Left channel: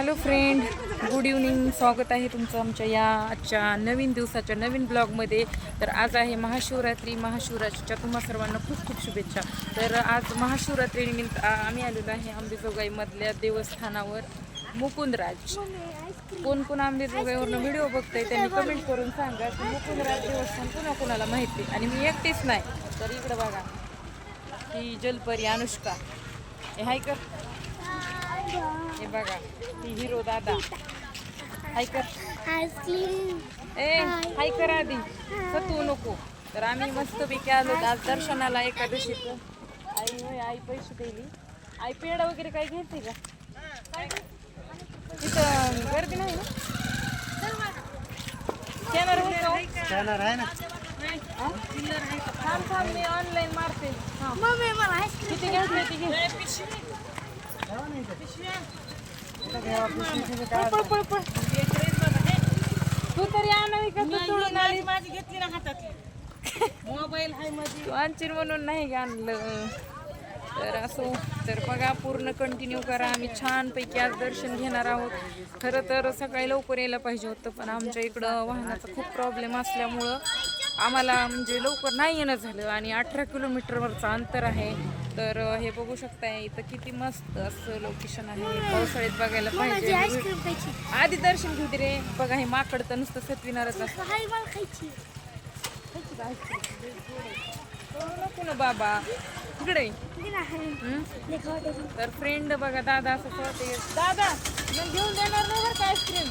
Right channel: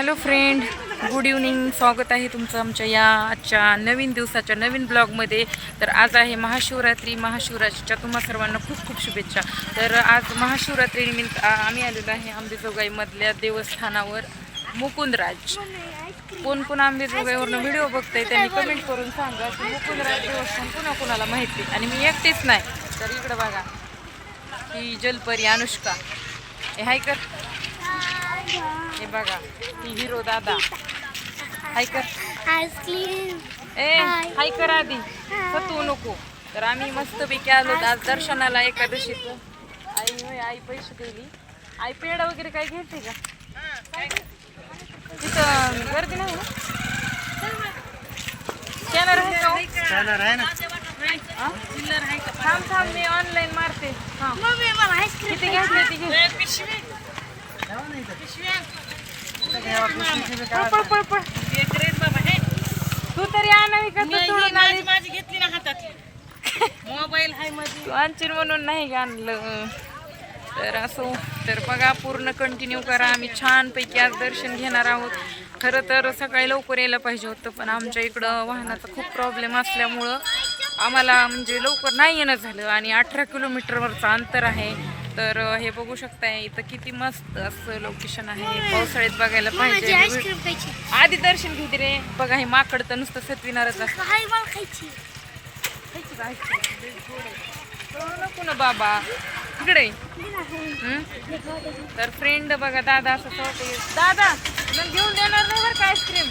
Hello friend good evening स्वागत आहे तुमचं आमच्या या आजच्या नवीन दिवसाच्या नवीन ब्लॉगमध्ये तर आज आहे महाशिवरात्री. महाशिवरात्रीच्या तुम्हा सर्वांना खूप खूप शुभेच्छा. तर आज महाशिवरात्रीनिमित्त आम्ही आलेलो आहे आंबेजोगाईमधल्या देवस्थानावर मुकुंदराज. कोण कोण आंबेजोगाईवरनं व्हिडिओ बघताय त्यांनी कमेंट करून सांगा की मुकुंदराज देवस्थान कोणा कुणाला माहिती? आणि मी एकटीच नाही. तर इकडं बघा. ही जलपरी अनुष्का. हे हाय कर. हे बघा ही हिरो दादा. हाय कर. Ice cream. ए हाय. कर आधी. तू नको. तर आम्ही मस्तपैकी आलो आज दर्शनाला एकादशीचं आई होय आई पैसे दिली. आई पेढा वगैरे काय घेते का? तिथं गर्दी नाही ना? स्कॅनर आहे का हो? जाणार आहे ना? हा? थांब थांब मी ऑनलाईन मारते. हा. मम्मी मला आईस्क्रीम किती घेतले ती घे. पळ पळ पळ तू तरी आणावी का तू सोडून आली माझी घेतली ना हातात मोबाईल हाय माझी तू आणशील म्हणून नाही आणलं तर असो तर बघा पूर्ण कंटिन्यू करा आम्ही छानपैकी आज दर्शन घेणार आहोत खरं तर सकाळी लवकर यायला पाहिजे होतं पण आमच्या इकडं वाहनाचा खूप प्रॉब्लेम असल्यामुळं आम्हाला म्हणजे लवकर नाही येणं झालं आणि अठरा किलोमीटरवरचं अंतर आहे. तर हे बघू शकताय इथं किती मस्त असं लोकेशन आहे. पावसाळ्यात बघायला पाहिजे. आधी दर्शन घेऊ रे. बघा हे माकड तर नुसतं सतविणारच नको ना बाबा. इकडे हं? तर फ्रेंड बघा दादा असं दादा घेऊन देणार नाही बरं का आईस्क्रीम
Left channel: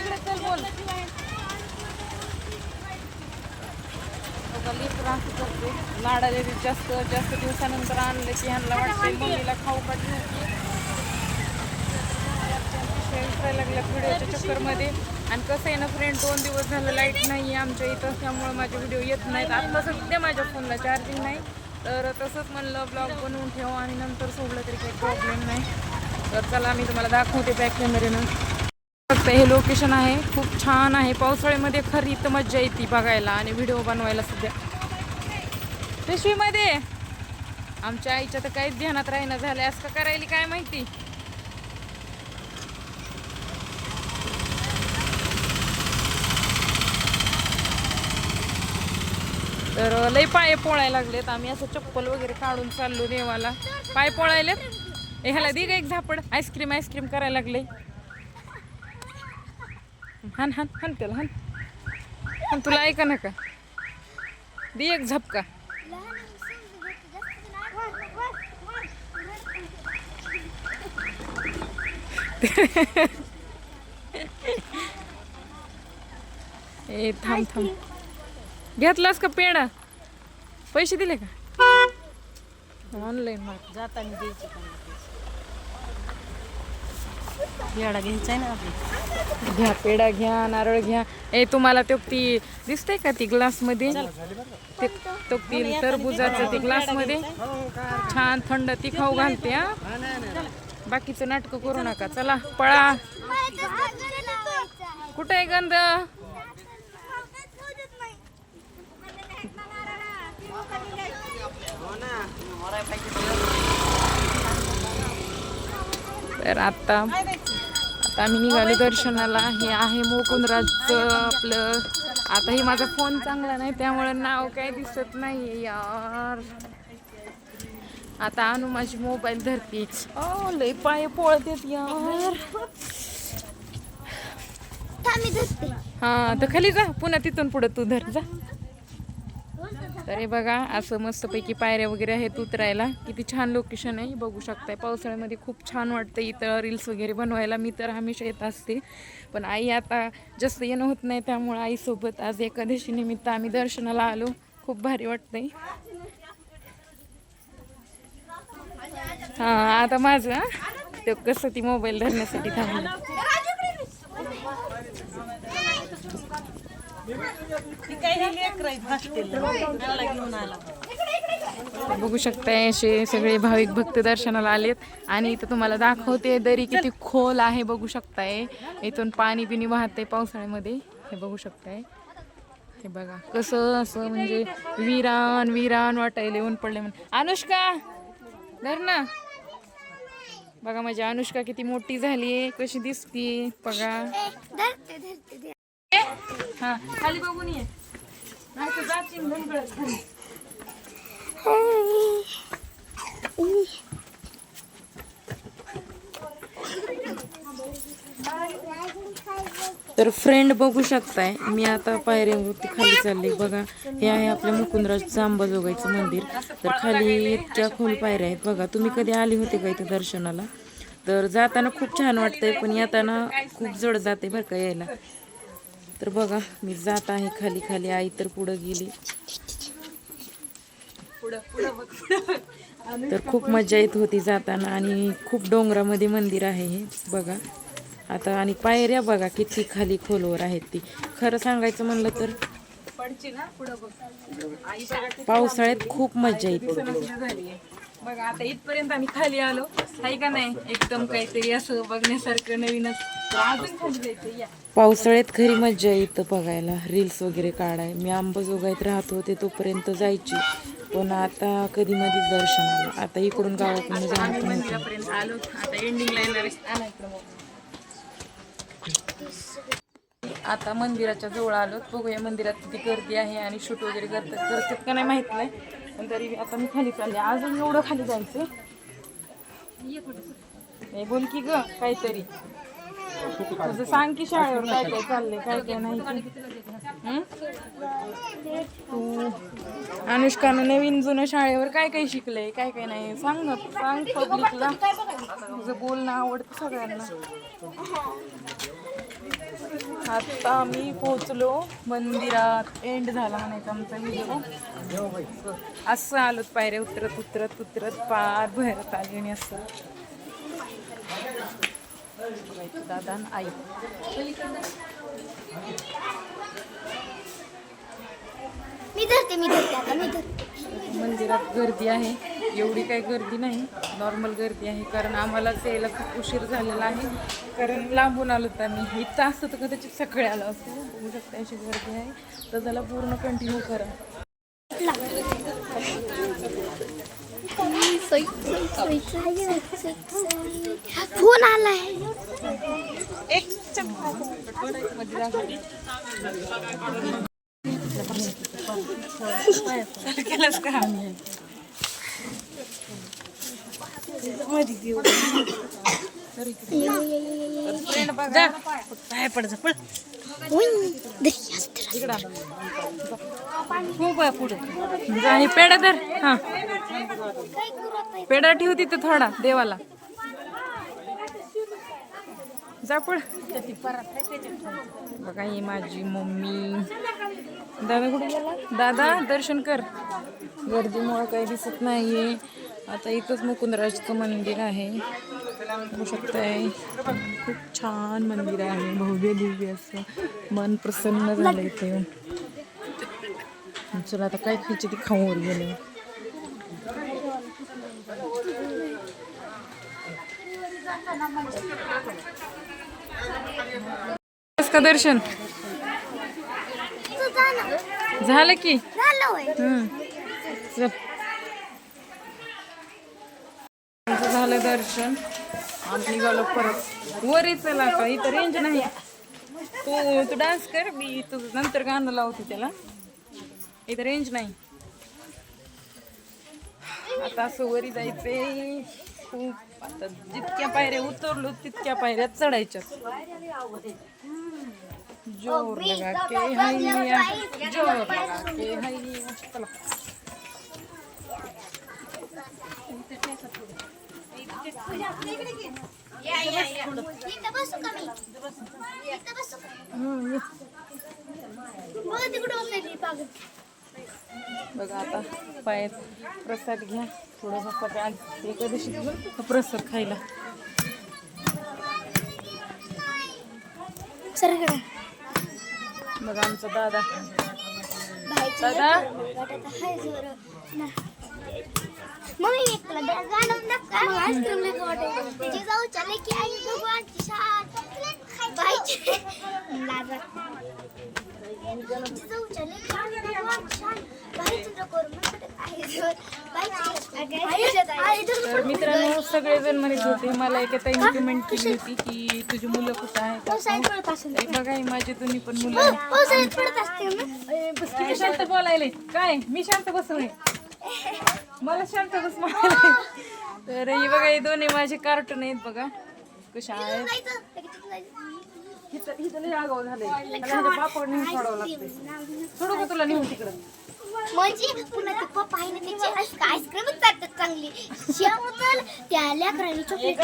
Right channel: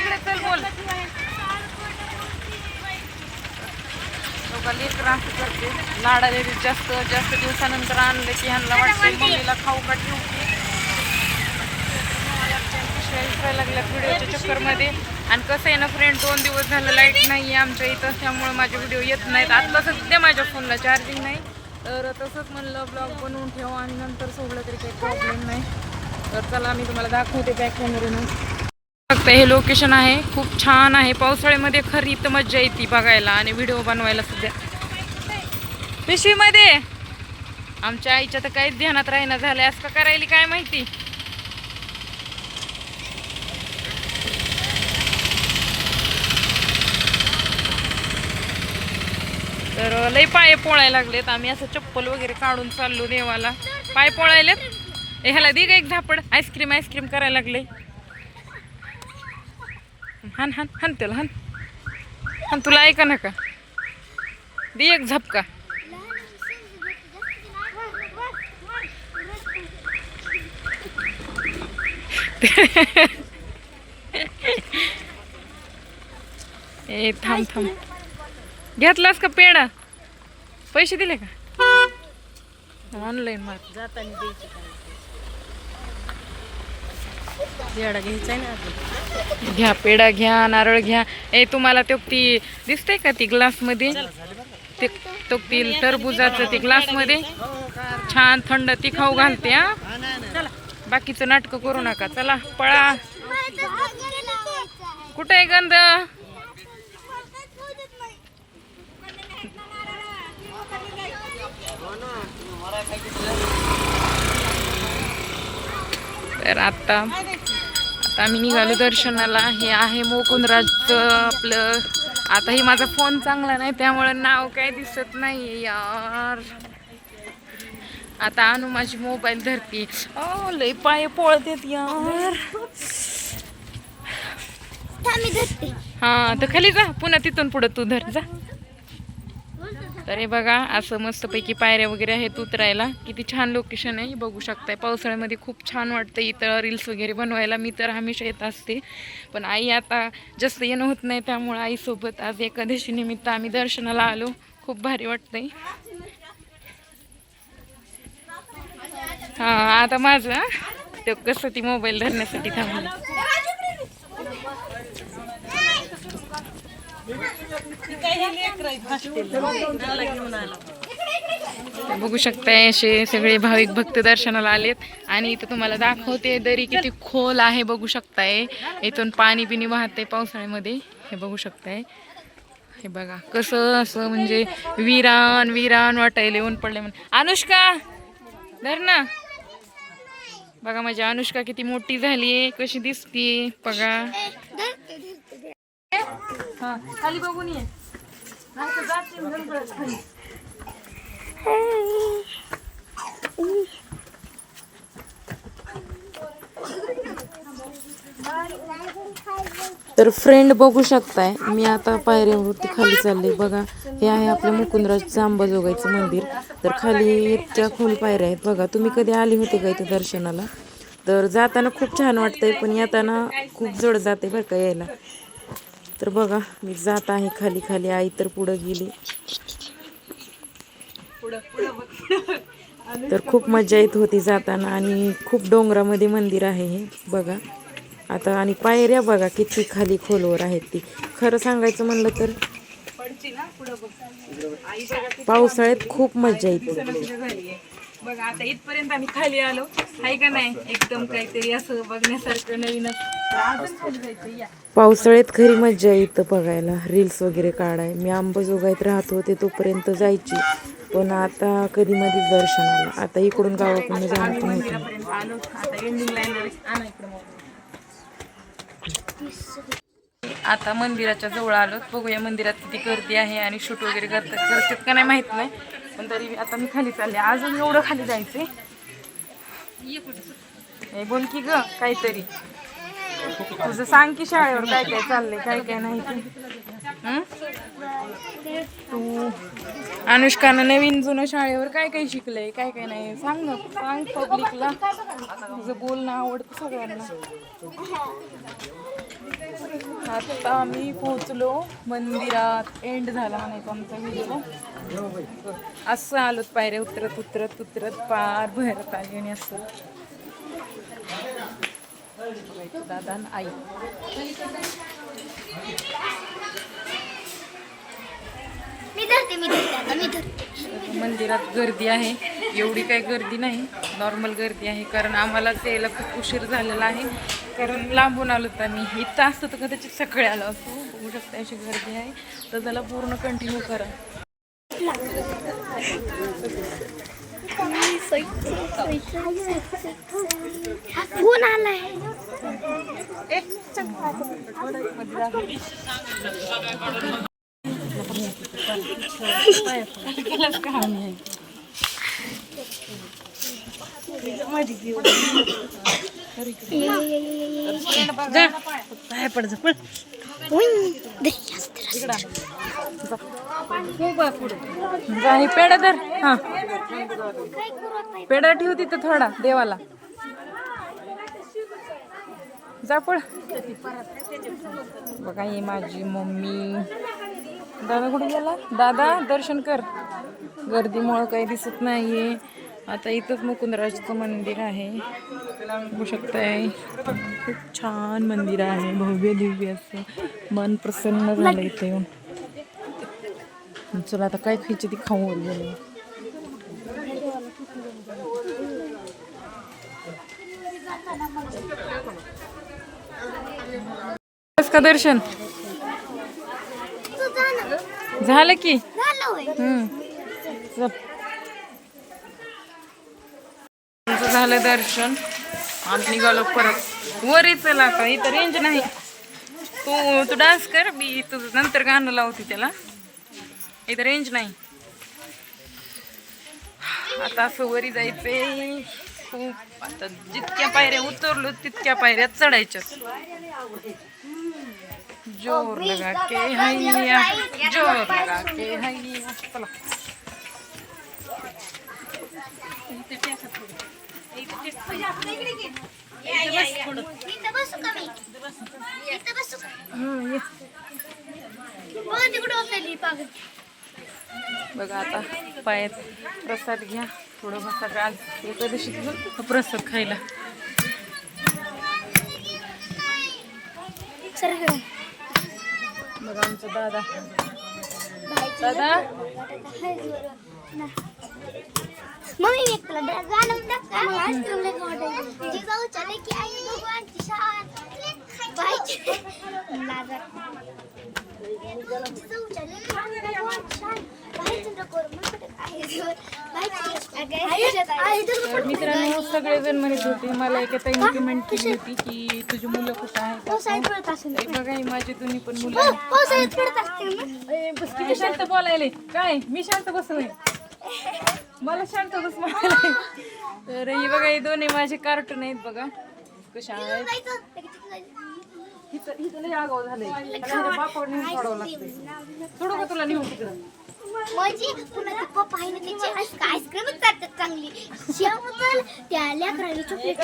इकडे चल बोल. लोकं लेकरं करते. लाडा देते जास्त जास्त दिवसानंतर आणले की ह्यांना वाटते मम्मीला खाऊ का ठेवू की? लागल्या व्हिडिओच्या चक्करमध्ये. आणि कसं आहे ना फ्रेंड दोन दिवस झालं लाइट नाही आहे आमच्या इथं त्यामुळे माझे व्हिडिओ येत नाहीत. आत्ता सध्या माझ्या फोनला चार्जिंग नाही. तर तसंच म्हणलं ब्लॉग बनवून ठेवा आणि नंतर सोडलं तरी काही प्रॉब्लेम नाही. तर चला मी तुम्हाला दाखवते बॅक कॅमेरेनं फक्त हे लोकेशन आहे. खूप छान आहे. पावसाळ्यामध्ये खरी तर मज्जा येते बघायला आणि व्हिडिओ बनवायला सुद्धा. पिशवीमध्ये. आमच्या आईच्या तर काहीच ध्यानात राहीना झालं असं का करायली काय माहिती? तर लय पाय पोळायला लागलेत. आम्ही असं चप्पल वगैरे काढून चाललो देवाला. पाय पोळायलेत. ह्याला दे ग एक झापड. आईस्क्रीम आईस्क्रीम करायला लागले. हान हान हान त्याला हान. हान तुला ऐका ना का? दे एक झपका. ए थांब थांब. घेतलास का पेढा? पैसे दिले का? ऑनलाईन मार. जाताना द्यायचे ना. घ्या पेढा घ्या नारळ घ्या. ए तुम्हाला तो ती दिसते का ती ग्लासमध्ये? ते तो ती टरबुजाचं ती ग्लासमध्ये? छान थंड ती खाऊ घालते हा? बाकीचं नाटकं करू नका. चला पळा. कुठे आहे गंध? तर आता आता आम्ही निघालो दर्शनाला. हे आहे मोकुंदराजचं आपलं. आता हे माझा फोन चांगला नाही त्यामुळे नाव काय दिसत नाही यार. आता आणू माझी मोबाईल धरती. ओ लय पाय पळतेत यार. हा तर खाली जा. पुन्हा तिथून पुढं तू धर. जा. तर हे बघा असं मस्तपैकी पायऱ्या वगैरे आहेत उतरायला. किती छान लोकेशन आहे बघू शकताय. पावसाळ्यामध्ये खूप छान वाटतं इथं रील्स वगैरे बनवायला. मी तर हमेशा येत असते. पण आई आता जास्त येणं होत नाही त्यामुळं आईसोबत आज एकादशी निमित्त आम्ही दर्शनाला आलो. खूप भारी वाटतंय. हां आता माझं ते कसं ती मोबाईल धरण्यासाठी थांबलं ती काय हे लेकरं आहेत hostel ला. त्यांना घेऊन आला तर बघू शकताय असे सगळे भाविक भक्त दर्शनाला आलेत. आणि इथं तुम्हाला दाखवते दरी किती खोल आहे बघू शकताय. इथून पाणी बिनी वाहते पावसाळ्यामध्ये. हे बघू शकताय. हे बघा कसं असं म्हणजे विरान विरान वाटायला येऊन पडले म्हणून. अनुष्का धर ना. बघा माझी अनुष्का किती मोठी झाली आहे कशी दिसते बघा ए, धरते, धरते, धरते. हा खाली बघून ये. नाही तर खाली. तर फ्रेंड बघू शकताय मी आता पायऱ्यावरती खाली चालले. बघा हे आहे आपल्या मुकुंदराजचं अंबाजोगाईचं मंदिर. तर खाली इतक्या खोल पायऱ्या आहेत. बघा तुम्ही कधी आले होते का इथे दर्शनाला? तर जाताना खूप छान वाटतंय पण येताना खूप जड जाते बरं का यायला. तर बघा मी जात आहे खाली खाली. आई तर पुढं गेली. तर खूप मजा येत होती जाताना आणि खूप डोंगरामध्ये मंदिर आहे हे. बघा. आता आणि पायऱ्या बघा किती खाली खोलवर आहेत ती. खरं सांगायचं म्हणलं तर पावसाळ्यात खूप मजा येते. बघा आता इथपर्यंत आम्ही खाली आलो. आहे का नाही? एकदम काहीतरी असं बघण्यासारखं नवीनच. अजून खाली जायचं या पावसाळ्यात खरी मज्जा येतं बघायला. रील्स वगैरे काढाय. मी अंबाजोगाईत राहत होते तोपर्यंत जायची. पण आता कधी मधीच दर्शनाला आता इकडून गावाकडून जाणं पण होत. आलो आता आता मंदिराच्या जवळ आलो. बघूया मंदिरात किती गर्दी आहे आणि शूट वगैरे करतात करतात का नाही माहीत नाही. पण तरी आता मी खाली चालले. अजून एवढं खाली जायचंय. बोल की ग काहीतरी. तुझं सांग की शाळेवर काय काय चाललंय काय काय नाही तू. अनुष्कानं नवीन जुनं शाळेवर काय काय शिकलंय काय काय नाही. सांग ना सांग पब्लिकला तुझं बोलणं आवडतं सगळ्यांना. आता मी पोहोचलो मंदिरात. एंड झाला म्हणायचा आमचा व्हिडिओ असं आलोत पायऱ्या उतरत उतरत उतरत पार भरत आली आणि असं. दादा आणि आई मी मी मी मंदिरात गर्दी आहे. एवढी काही गर्दी नाही. नॉर्मल गर्दी आहे. कारण आम्हाला यायला खूप उशीर झालेला आहे. कारण लांबून आलो तर आम्ही. इथं असतं तर कदाचित सकाळी आलो असतो बघू शकता. अशी गर्दी आहे. तर त्याला पूर्ण कंटिन्यू करा. फोन आलाय. पाय पड आणि पेढा धर. हा. पेढा ठेव तिथं थोडा देवाला. जापळ बघा ही माझी मम्मी. दादा कुठे गेला? दादा दर्शन कर. गर्दीमुळं काही दिसत नाहीये. आता इथंच मुकुंदराजचं मंदिर आहे. बघू शकताय. खूप छान मंदिर आहे. भव्य दिव्य असं. मन प्रसन्न झालं इथे येऊन. चला आता काय खायची ती खाऊन गेले बस का दर्शन? झालं की? झालं हम्म. झालं दर्शन. आम्ही निघालो परत. वरी चला आता इथं रेंज नाही. तू तू डान्स कर मी तुझं नंतर गाणं लावते त्याला. इथं रेंज नाही. आता असं वरी जायचंय. खूप आता जितक्या पायऱ्या उतरलो तितक्या पायऱ्या चढायच्या. जोर लगा के हैया जोर लगा के हैया चला. तिकडे बघा आता पायात प्रसाद घ्या. थोडं प्रसाद आज एकादशी प्रसाद खायला. बघा आमचा दादा. दादा? मम्मी एक तुला गाणं नका तिची जाऊ तर मित्रांनो सगळेजण म्हणत होते मला एका ताईने कमेंट केली होती की तुझी मुलं कुठं आहेत? असं. हे बघा ही माझी तुम्ही पण मुलं बस किती शांत बोलायले? काय? मी शांत बसलोय. मला शांत बस. तर हे बघा हे दोन्ही माझे कार्टून आहेत बघा. कशा आहेत? लय आगाव झालंय. बापावर नेऊन सोडावं लागतंय. सोडू का तुला नेऊन तिकडं? म्हणजे पुन्हा ते पप्पा आहे ना त्याची आईस्क्रीमच करतात चांगली. त्या लेकरांनी चॉकलेट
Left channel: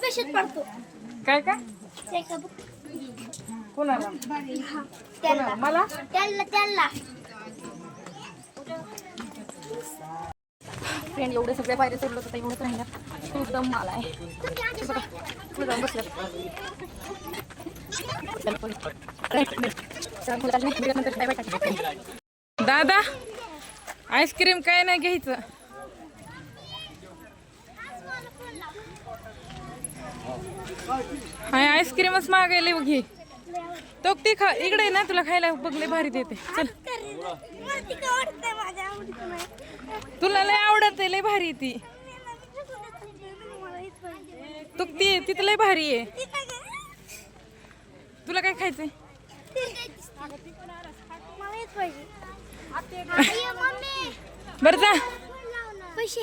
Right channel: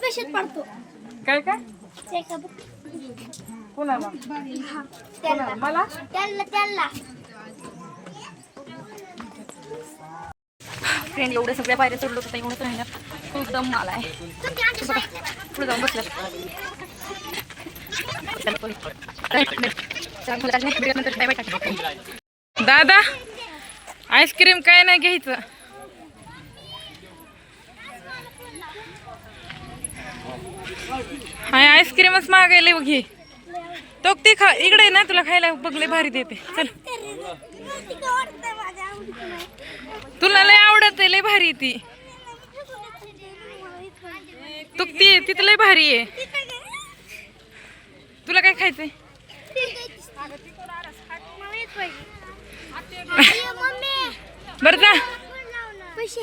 पेशंट पडतो. काय काय? ते का बघ कोणाला? हा, कोणाला? त्याला मला? त्याला त्याला फ्रेंड एवढे सगळे बाहेर चढलो होतं एवढंच राहिलं खूप दम मला आहे. पुढे जाऊन बसलं. दादा आईस्क्रीम काय नाही घ्यायचं. हाय आईस्क्रीमच मागायला बघ घे. तो ते खा इकडे ना तुला खायला बघले भारी देते. चल. तुला लय आवडत आहे लय भारी आहे ती. तू ती तिथं लय भारी आहे. तुला काय खायचंय? बरं जा. पैसे.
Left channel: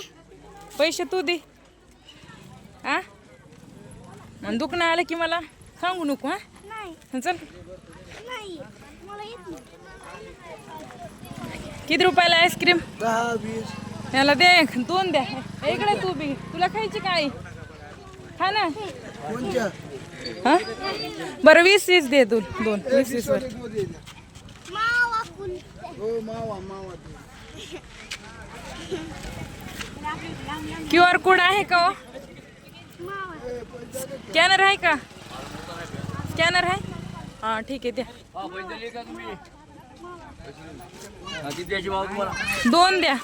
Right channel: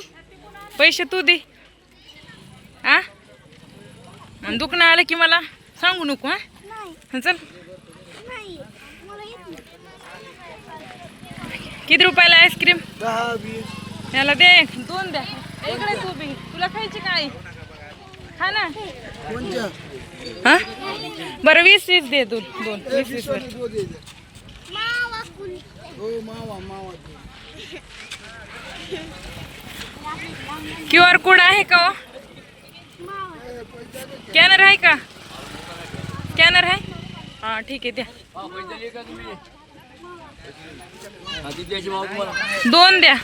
पैसे तू दे. आ दुखणं आलं की मला सांगू नको हा? नाही. चल. किती रुपयाला आईस्क्रीम? याला दे दोन द्या. इकडे तू बी. तुला खायची काय? खा ना. हा? बरं वीस वीस दे दोन दोन. वीस वीस क्यू आर कोड आहे का हो? स्कॅनर आहे का? स्कॅनर आहे? हां ठीक आहे द्या. दोन द्या.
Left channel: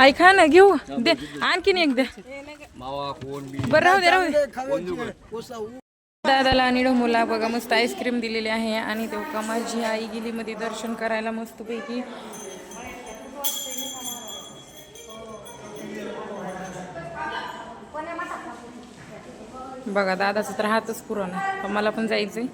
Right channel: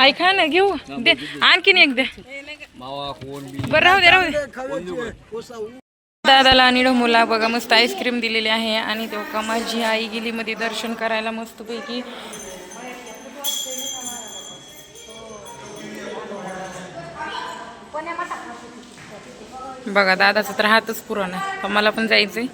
ऐका ना घेऊ. दे. आणखीन एक द्या बरं राहू दे राहू दे. दादाला आणि ढोमूला बघा मस्त आईस्क्रीम दिलेली आहे. आणि तेव्हा माझी आई गेली मध्ये दर्शन करायला मस्तपैकी. बघा दादाचं तर हातच पुराण आहे. मला पण जायचंय.